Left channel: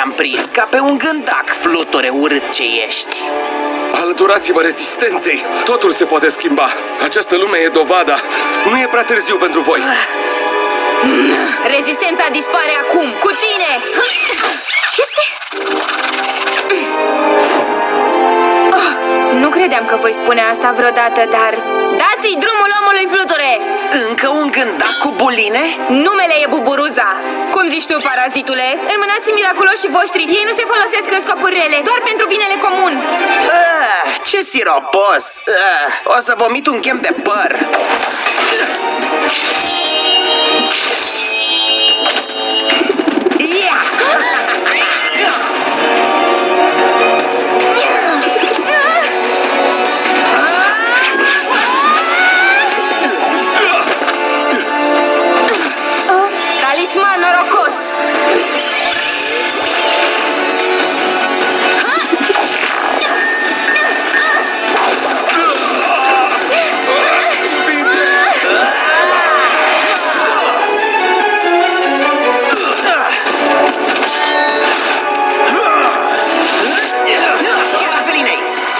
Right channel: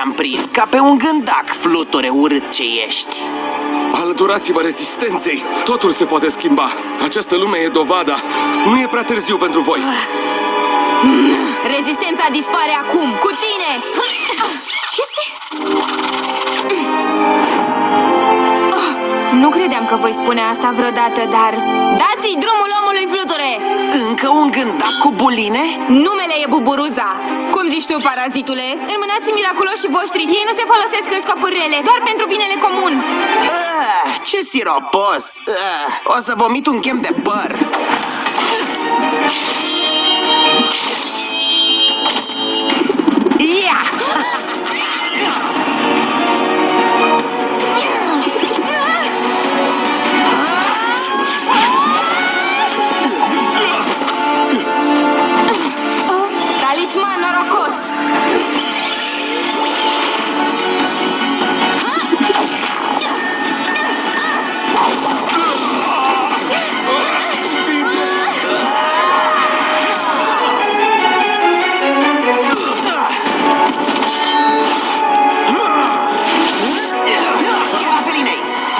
te-am prins ca pe un gândac, fluture urât ce ești. Alăturați-vă rezistenței. Totul se poate schimba. Această lume e dovada. Nu e prea târziu pentru voi. Rezistența dispare acum, cu tine! Ce se... Nu credeam că voi spune asta vreodată, dar... Dați-i drumul omului fluture! Încă un gândac cu buline? Numele e Buburuza. Cum zici tu, parazitule? Înmânați miraculoșii voștri. Ei nu se folosesc în scopuri rele, doar pentru binele comun. Ce siropos! O să vomit un chem de păr. Ia! Talisman norocos!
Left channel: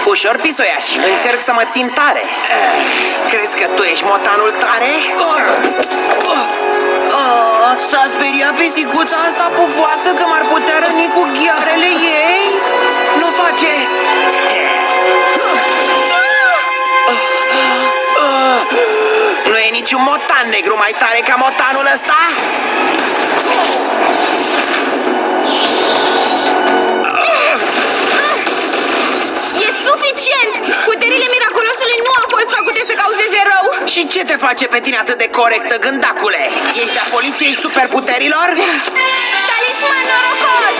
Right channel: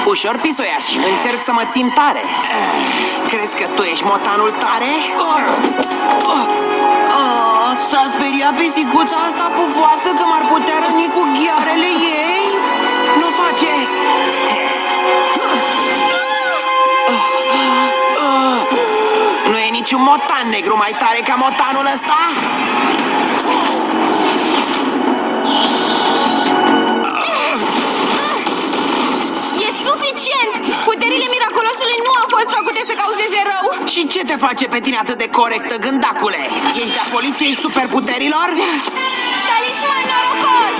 Ușor, pisoiaș, încerc să mă țin tare. Crezi că tu ești motanul tare? S-a speriat pisicuța asta pufoasă că m-ar putea răni cu ghearele ei? Nu face... Nu e niciun motan negru mai tare ca motanul ăsta? Puterile miraculosului nu au fost făcute să cauzeze rău. Și ce te face pe tine atât de corectă, gândacule? Ești a poliției superputerilor? Talisman norocos!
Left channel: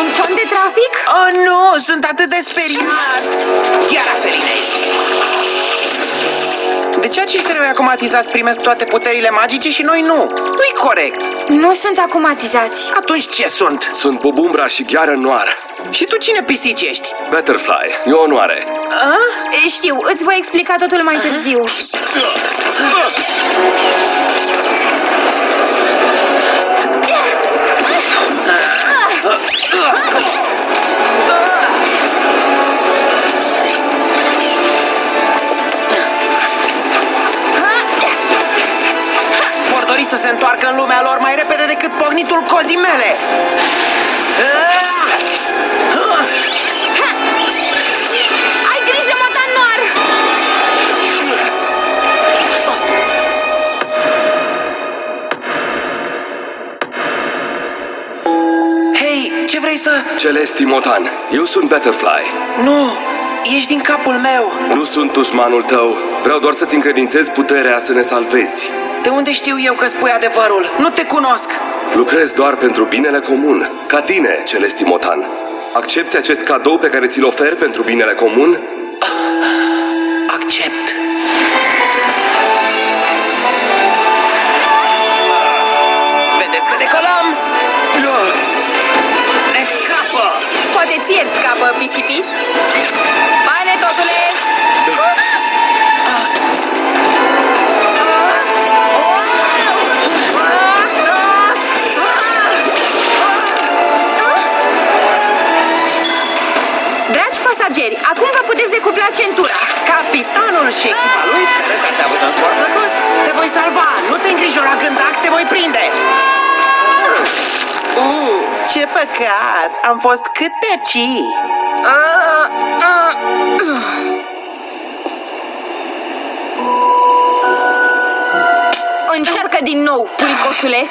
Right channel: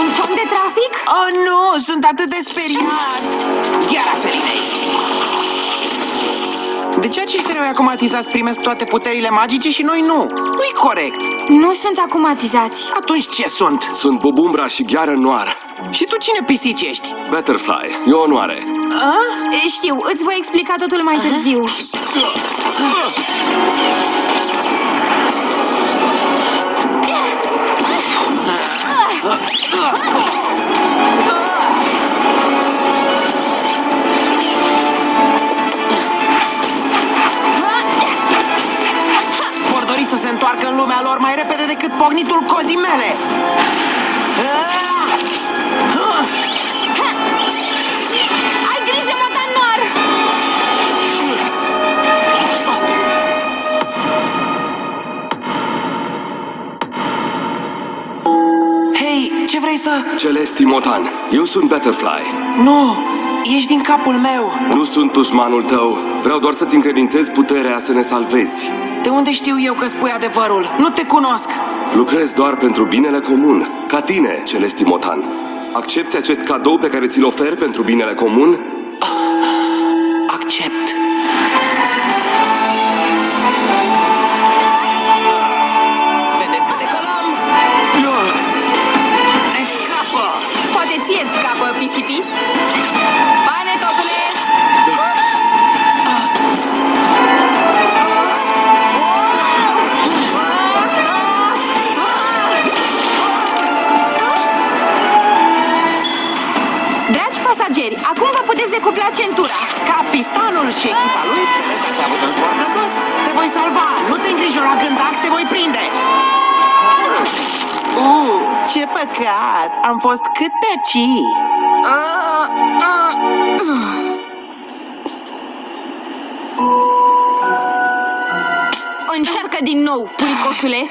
Un con de trafic? Oh, nu! Sunt atât de speriat! Chiar Felinei! De ce acești eroi acumatizați primesc toate puterile magice și noi nu? Nu-i corect! Nu sunt acumatizați. Atunci ce sunt? Sunt Bubumbra și Gheară Noară. Și tu cine pisici ești? Butterfly, e o onoare. Știu, îți voi explica totul mai târziu. Vor dori să se întoarcă în lumea lor mai repede decât pognitul cozii mele! Ai grijă, motanar! Hei, ce vrei să... Celesti Motan, eu sunt Butterfly. Nu, ești din capul meu. Nu sunt dușmanul tău. Vreau doar să-ți încredințez puterea să ne salvezi. De unde știu eu că spui adevărul? Nu te cunosc. Lucrez doar pentru binele comun. Ca tine, Celesti Motan. Accepți acest cadou pe care ți-l ofer pentru binele comun? Accept. Vedeți că decolăm? Ne scapă! Poate ție-ți scapă, pisipis? Bine, totule! Dragi pasageri, acum vă puteți decupla centura. Capitanul și echipa lui speră că ați avut un spor plăcut. Te voi salva, nu te îngrijora, gândac, te voi prinde. Ce păcat, am fost cât pe ci. Încearcă din nou, puricosule.